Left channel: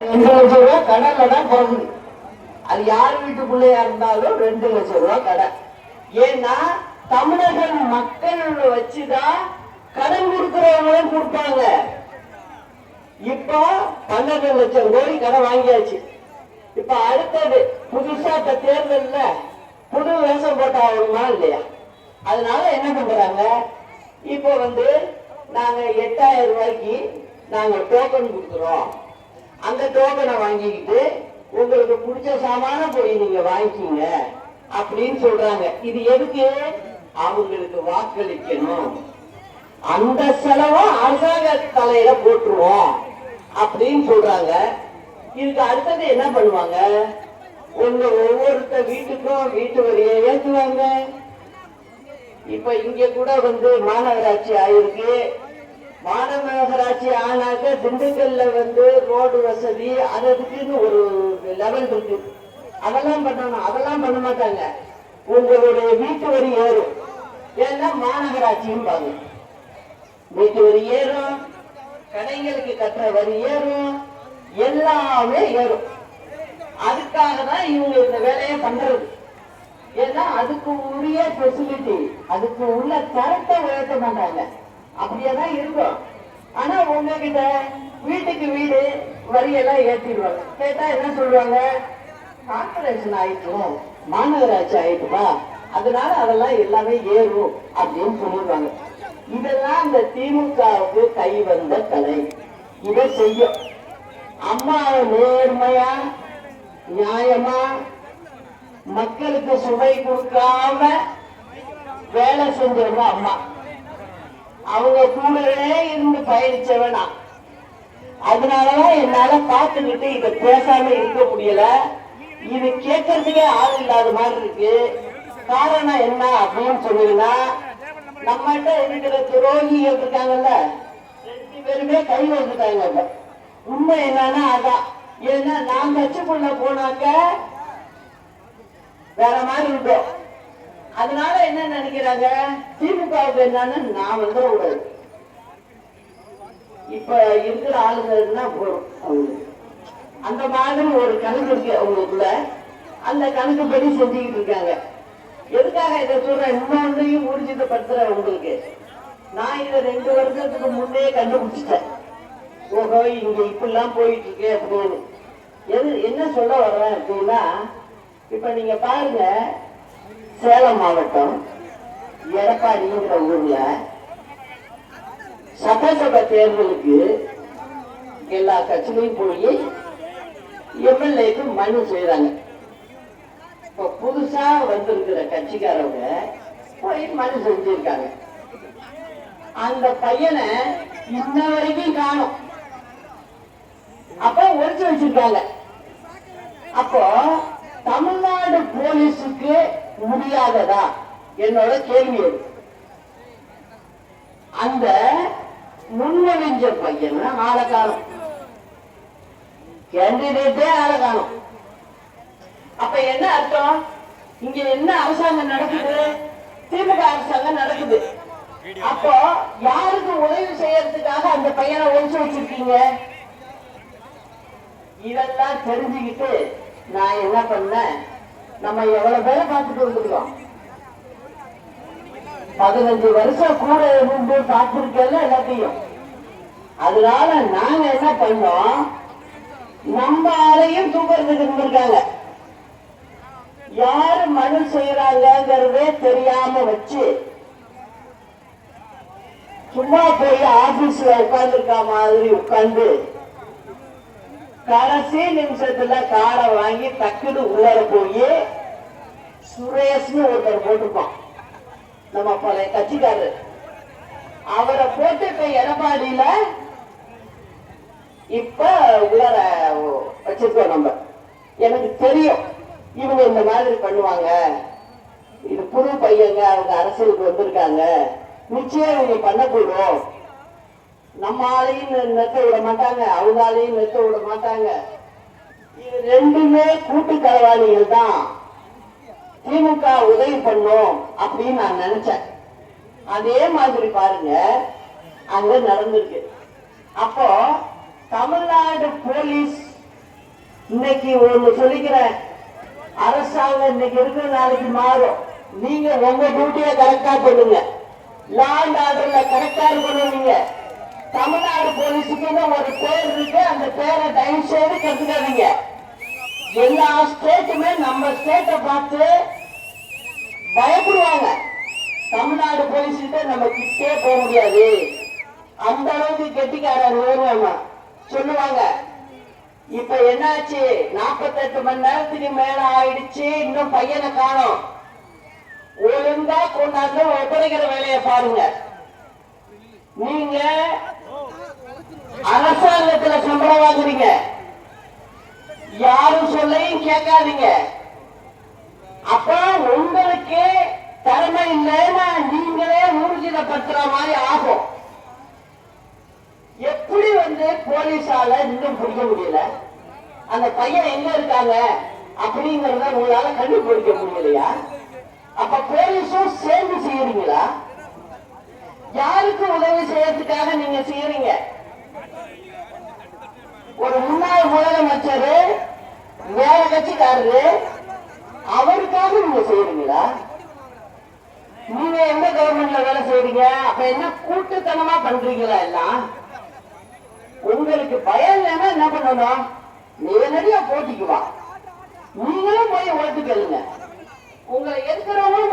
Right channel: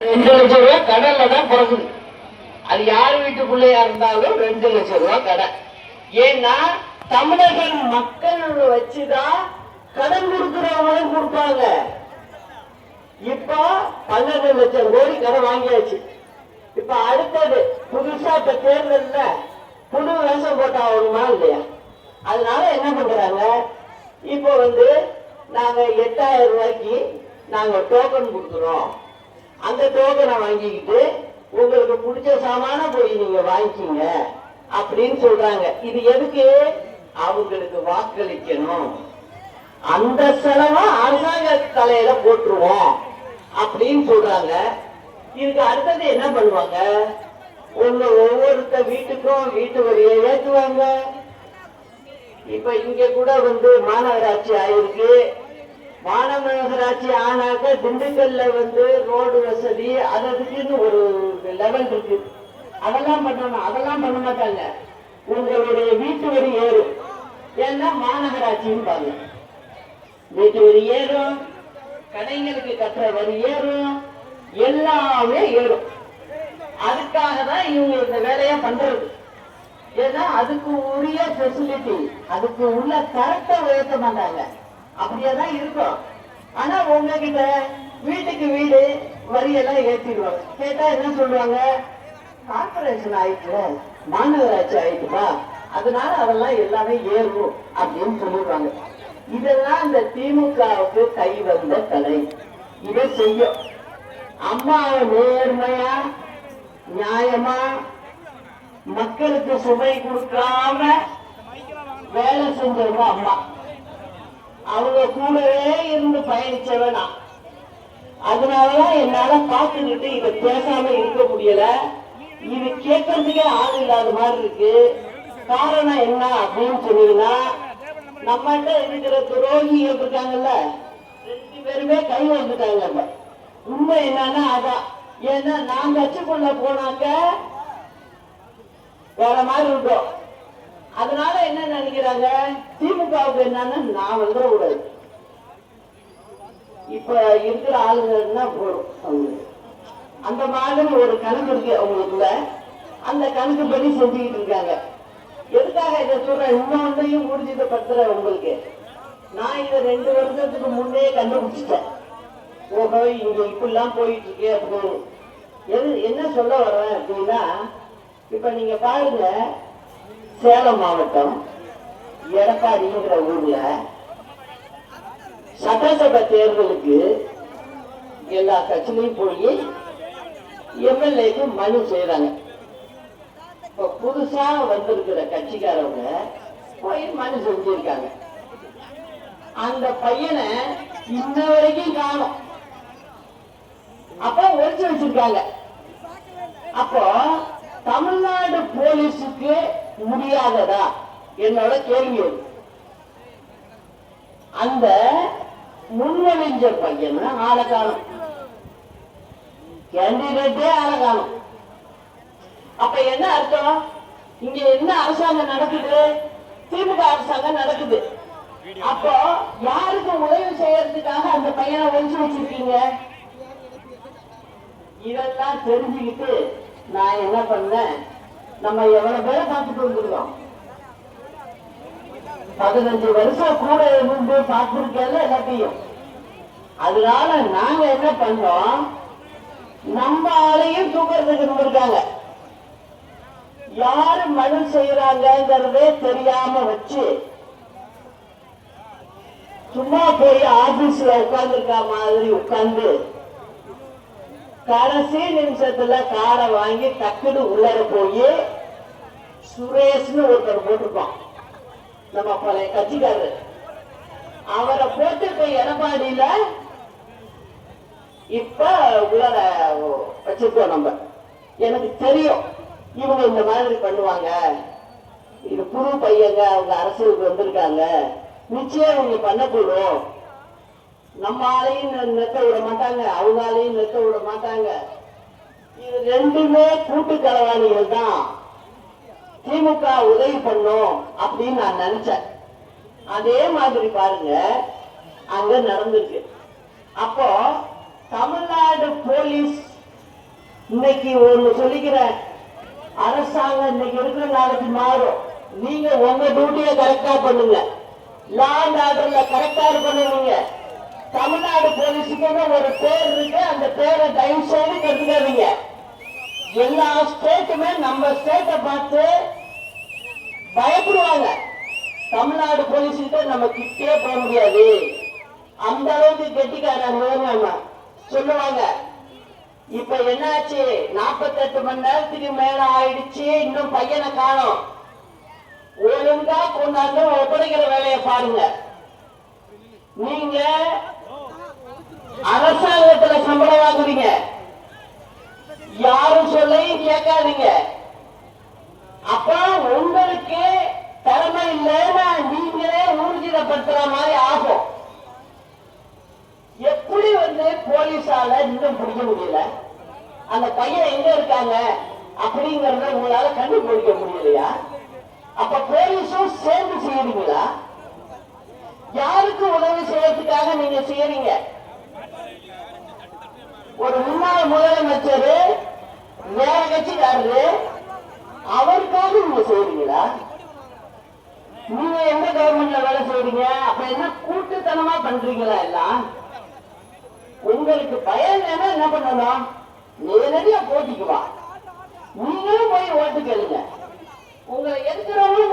2 லட்சம் ரூபாய் கடன்ல தான் பிறகுது. அது யார் வீட்டுக்குள்ளேயா இருந்தாலும் 2 லட்சம் ரூபாய் கடன். ஏன்னா தமிழர்கள் மக்கள் வச்சுதான் கடன் கொடுக்கிறவங்களும் கொடுப்பாங்க. இப்ப 12 லட்சம் கோடி கடன் வாங்கியாச்சு. இப்ப அடுத்தது புதுசா இப்ப தேர்தல்ல புது வேஷம் போட்டா வருமா இல்லையா? அதனால என்ன பண்றாங்க, இப்ப நாங்க 8000 ரூபாய்க்கு நாங்க டோக்கன் கொடுக்குறோம். அந்த டோக்கனை வாங்கிக்கிட்டு உங்களுக்கு பிடிச்ச சாமான போய் நீங்க வாங்கிக்கீங்க அப்படின்னு சொல்றாங்க. இது எதுக்கு? அவங்களுக்கு வாக்களிக்கணும். அந்த செலவை அரசாங்க தலையில போட்டுருவோம் அப்படின்னு சொல்றாங்க. இதுக்கு அடுத்தது என்ன பண்ணுவாங்க, ஒவ்வொருத்த வீட்டுக்கும் வீட்டு வரியை ஏற்றுவாங்க. இப்ப இங்க கூட மாநகராட்சி ஆயிருக்கு. மாநகராட்சி ஆனாக்க திண்டுக்கல்ல ரோடு வசதி அதுக்குன்னு ஒரு லெவல் இருக்கு. அதெல்லாம் பண்ணணும். அதெல்லாம் பண்ண மாட்டாங்க. உங்களுடைய வீட்டு வரி ஏறும். ஏன்னா மாநகராட்சியும் பாருங்க, வீட்டு வரி ஏறும், கடைகளுக்கு கட்டுற வரி ஏறும், எல்லாமே ஏறும். அதுக்காக தான் இவங்க இந்த வேலையை பண்றது. ஏன்னா அதுக்கு உரிய பெசிலிட்டி, அதுக்கு உள்ள கரெக்டா உயர்த்த மாட்டாங்க. அப்படியேதான் இருக்கும். ஆனா உங்ககிட்ட வீட்டுக்கு வீடு வரியெல்லாம் ஏற்றிடுவாங்க. கேட்டா என்ன சொல்லுவாங்க, கார்பரேஷன் ஆயிடுச்சு, மாநகராட்சி ஆயிடுப்பா, அதனால அதெல்லாம் எல்லாமே ஏறும் அப்படின்னு சொல்லிடுவாங்க. இதெல்லாம் இந்த திமுகவுக்கு கை வந்த கலை. இதை செய்யும். அம்மாவை நேர்மையா நியாயமா மக்களுக்கு சுவை கொடுக்காம வேலை செஞ்சவங்க அம்மா. அவங்க கூடவே இருந்து பயணிச்சவனா. அதனாலதான் என்னால பார்த்துக்கிட்டு இதை பேசாம இருக்க முடியல. இது கேட்கறதுக்கே ஆள் இல்லாத மாதிரி இருக்கு. காரணம் என்ன அப்படின்னு சொன்னீங்கன்னா, நம்மகிட்ட இருக்கிற துரோகிகள் இருக்காங்கல்ல, 2 பேருமே கை வந்துட்டாங்க. உண்மை என்னன்னா அதான். ஏன்னா நான் கட்சிக்குள்ள போனாக்க வேற மாதிரி இருக்கும். அதனால என்ன நினைக்கிறாங்க, திமுகவுக்கு என்னன்னு நான் கூடாது. இப்ப இருக்கிற ஆளுங்கன்னா போதும். அந்த மாதிரி ஒரு கணக்கு இருக்கு அவங்களுக்குள்ள. அந்த கணக்குப்படி செஞ்சுக்கிட்டு இருக்காங்க. எதுக்காக இதை சொல்றேன், இன்னொன்னையும் ஊர்ஜிதப்படுத்துற உங்களுக்கு. நான் இதை 2 வருஷத்துக்கு முன்னே கண்டுபிடிச்சிட்டேன். ஓஹோ, இங்க இப்படிலாம் போயிட்டு இருக்கு அப்படின்னு. என்ன சொல்ல வர்றேன் அப்படின்னா, இப்ப நீங்க பாருங்க, சேலம் மாவட்டம் எடப்பாடிங்கிற ஊர்ல சட்டசபை தேர்தலுக்கு எல்லா கட்சியிலையும் போய் எம்எல்ஏக்கு மனு செய்யறாங்க. இப்ப புதுசா வந்திருக்கிற கட்சிக்காரவங்க போய் மனு செஞ்சிருக்காங்க. அந்த பையனை இன்ன வரைக்கும் காணும். அப்ப ஒழிச்சு வச்சிருக்காங்க. அப்போ தமிழ்நாடு போலீஸுக்கு முடியாததா என்னோட கேள்வி. அந்த முன்மொழிஞ்ச பையன் ஆளக்காலம், கேண்டிடேட்டே ஆளக்காலம். அப்ப என்ன அர்த்தம், இங்க என்ன அரசாங்கம் நடக்குது? திமுக அரசாங்கம் நடக்குது. அப்போ யாருக்கு உதவி செய்யறதுக்காக அந்த பையனை ஒழிச்சு வச்சிருக்கீங்க? இதெல்லாம் தெரிஞ்சுக்கிட்டு நான் என்ன பண்ணேன், நம்ம எவ்வளவு பேரை பார்த்துட்டு வந்துருக்கோம். 15 வருஷம் கூட இருந்து பார்த்திருக்கல எல்லாத்தையும். அதனால நாங்க என்ன பண்ணோம், நம்ம ஆளையும் தூக்கிறதுக்கு இருந்திருக்காங்க. யாரு மனு செய்யறாங்கிறதே தெரியாம வச்சு சும்மா போய் ஆபீஸ்ல உட்கார்ந்து இருக்க மாதிரி உட்கார்ந்து கடைசி நிமிஷத்துல காரை வாங்கி டக்குன்னு உள்ளர போய் சுரேஷ்னு ஒருத்தர் போட்டிருப்பான், நம்ம பழைய கட்சிக்காரர். அவரை போட்டு இப்ப எடப்பாடியில இப்ப உள்ளர வச்சிருக்கோம் நம்ம. எனக்கு தெரியும் இவங்க இந்த மாதிரி பண்ணுவாங்க. இது புது பையங்க, அவங்க அரசியலுக்கு வந்திருக்காங்க, நிச்சயம் இவங்க பண்ணக்கூடும். நம்ம ஆளையும் நிறுத்த விட மாட்டாங்க, அவங்க ஆளையும் நிறுத்த விட மாட்டாங்க. இது 2மே கூட்டு களவாளிகள் தான். திமுக உதவி பண்ணும் அப்படின்னு நான் நினைச்சேன். அதே மாதிரி பாருங்க அங்க நடந்திருக்கு. அப்போ தமிழ்நாடு போலீஸ் இன்னைக்கு ஒண்ணு சொல்லிக்கிறேன், அரசாங்கம் இன்னைக்கு இருக்கிற நாளைக்கு மாறும். நீங்க உங்க டியூட்டியை கரெக்டா பண்ணுங்க, லா அண்ட் ஆர்டர்ல கரெக்டா இருக்கணும். நீங்க தமிழ்நாடு போலீஸுக்குன்னு ஒரு பேர் இருக்கு, அந்த பேரை தயவு செய்து கெடுத்துக்காதீங்க. எல்லா ஸ்டேட்டுமே நம்ம ஸ்டேட்டை பார்த்து பயப்படுவாங்க. தமிழ்நாடு போலீஸ் கிட்ட நம்ம கிட்டே போக முடியாது, அந்த அளவுக்கு கெட்டிக்காரங்க சொல்லுவாங்க. இப்ப என்னாச்சு, 48 மணி நேரத்துக்கு மேல ஆயிடுச்சு, இன்னும் பையனை காணோம். ஒழுங்கா கொண்டாந்து ஒப்படைக்கிற வேலையை பாருங்க. நீங்க அரசாங்கத்துல சம்பளம் வாங்குறீங்க, யாரும் சொல்லையும் கேட்காதீங்க. அப்ப உங்களுக்கு திறமை இல்லைன்னா நீங்களே ஊர்ஜிதப்படுத்துற மாதிரி ஆகும். எப்படி போலீஸால இன்னும் பிடிக்க முடியல, அந்த பையன் எங்க இருக்காங்க அப்படிங்கறத உங்களால கண்டுபிடிக்க முடியலையா? அப்ப போலீஸும் சேர்ந்து செய்யறீங்களா? யாருக்கு உதவி செய்யறதுக்காக நீங்க செய்யறீங்க? ஒரு முன்னாள் முதலமைச்சர் வேற கட்சிக்காரரு, அவருக்காக நீங்க செய்யறீங்களா? நீங்க எந்த கவர்மெண்ட்ல வேலை செய்யறீங்க? அப்ப என்ன கூட்டுத்தனமா பண்றீங்களா? எல்லாம் உங்களுக்கு பயம் இல்லைன்னா என்ன பண்ணணும், நேரடியா போட்டிக்குவா, நீங்களும் போய் ஓட்டு கேளுங்க. உங்களை எதிர்க்கிறவங்க